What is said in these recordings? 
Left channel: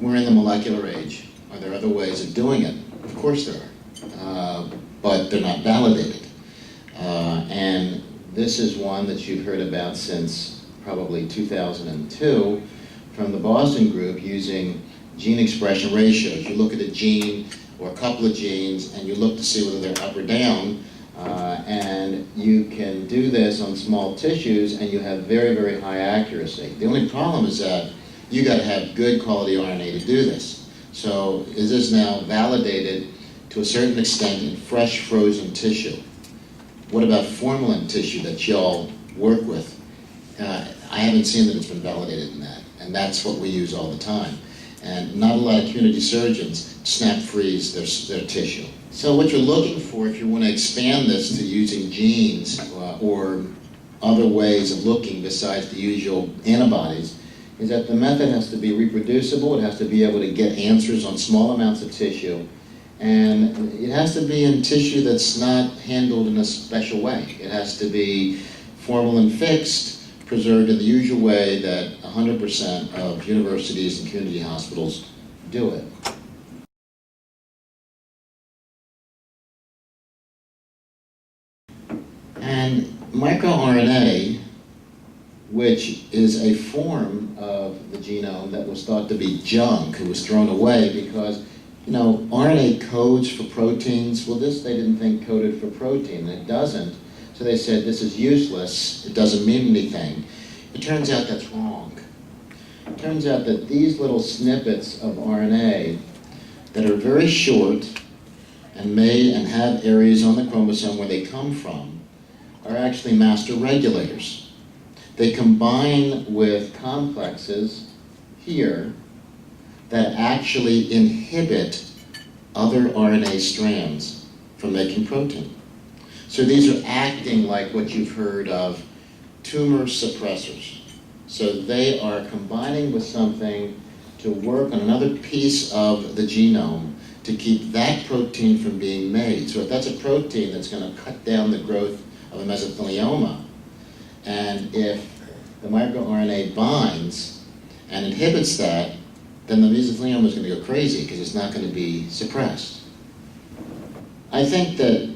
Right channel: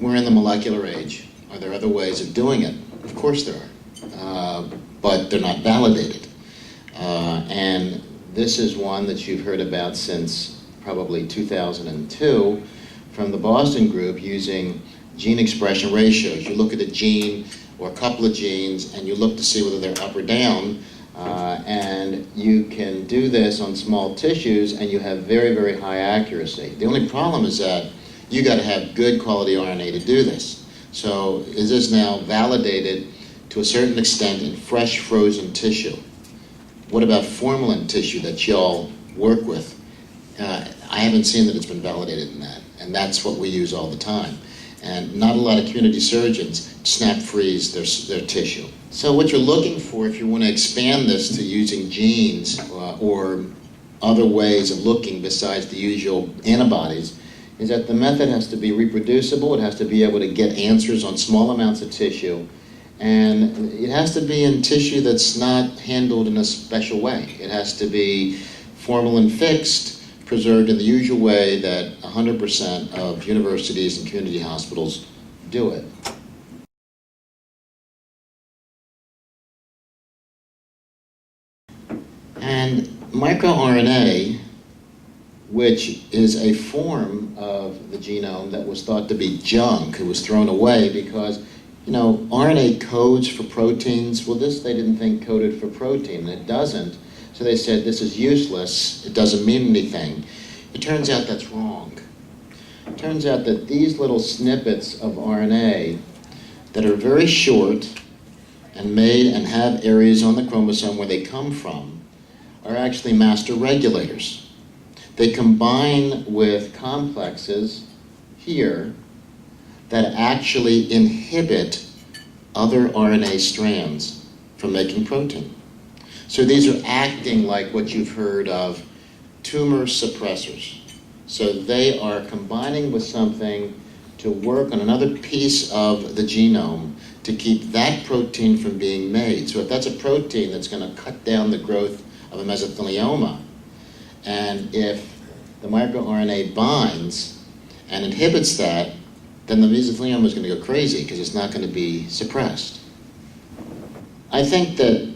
We're in the molecular age. Are there other ways of doing it? Of course there are, but they're not validated. And this is one that you've heard about since probably 2002 from the Boston group using gene expression ratios. You look at a gene or a couple of genes and you look to see whether they're up or down, and you can do this on small tissues and you have very, very high accuracy. The only problem is that you got to have good quality RNA to do this. So is this now validated to a certain extent in fresh frozen tissue? What about formalin tissue that y'all work with? I haven't seen that it's been validated in that, and that's what we use all the time. And not a lot of community surgeons snap freeze their tissue. So what you're looking for if you want to expand this to using genes or other ways of looking besides the usual antibodies is that the method has to be reproducible, it has to be able to get answers on small amounts of tissue, and it has to be in tissue that's not handled in a special way. It has to be formalin fixed, preserved in the usual way that 100% of universities and community hospitals do it. And microRNA, which is a form of the genome that was thought to be junk, it was thrown away because, you know, RNA codes for proteins. Well, this they didn't think coded for protein, and it doesn't. So they said, this is useless, it doesn't mean anything. It turns out that's wrong. It turns out that these little snippets of RNA that are very short and made and have areas on the chromosome where they come from are actually master regulators. They combine with complexes here that actually inhibit other RNA strands from making protein. So these are acting like what you've heard of tumor suppressors. So they are combining with something to work on another piece of the genome to keep that protein from being made. So if that's a protein that's going to cut down the growth of a mesothelioma, and if the microRNA binds and inhibits that, then the mesothelioma is going to go crazy because it's not going to be suppressed. I think that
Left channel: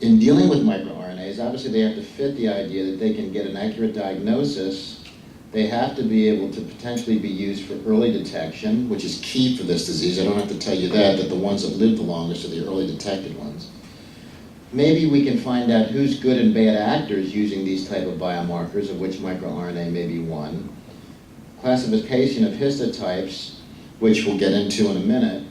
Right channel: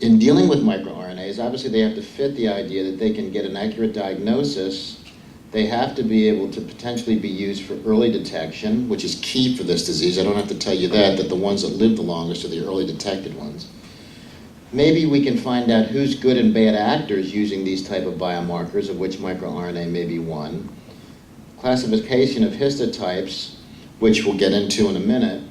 in dealing with microRNAs, obviously they have to fit the idea that they can get an accurate diagnosis. They have to be able to potentially be used for early detection, which is key for this disease. I don't have to tell you that the ones that live the longest are the early detected ones. Maybe we can find out who's good and bad actors using these type of biomarkers, of which microRNA may be one. Classification of histotypes, which we'll get into in a minute.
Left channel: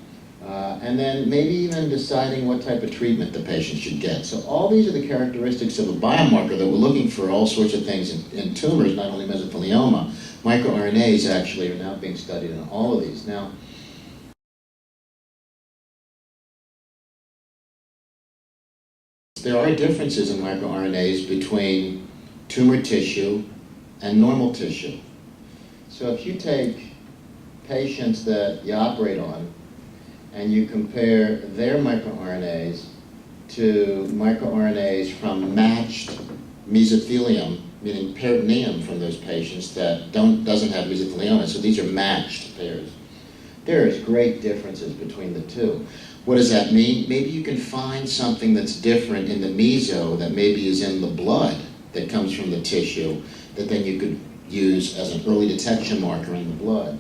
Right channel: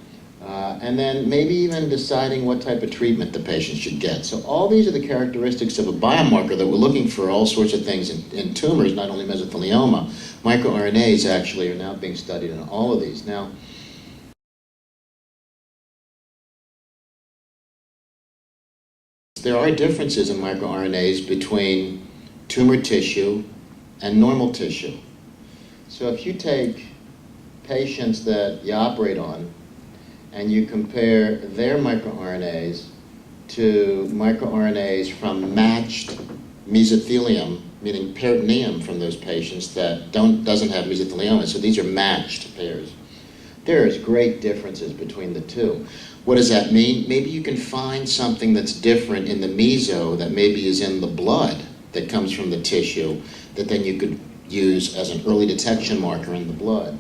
And then maybe even deciding what type of treatment the patient should get. So all these are the characteristics of a biomarker that we're looking for all sorts of things in tumors, not only mesothelioma. MicroRNAs actually are now being studied in all of these. Now, there are differences in microRNAs between tumor tissue and normal tissue. So if you take patients that you operate on and you compare their microRNAs to microRNAs from matched mesothelium, meaning peritoneum from those patients that doesn't have mesothelioma, so these are matched pairs. There is great differences between the two. What does that mean? Maybe you can find something that's different in the meso that maybe is in the blood that comes from the tissue that then you could use as an early detection marker in the blood.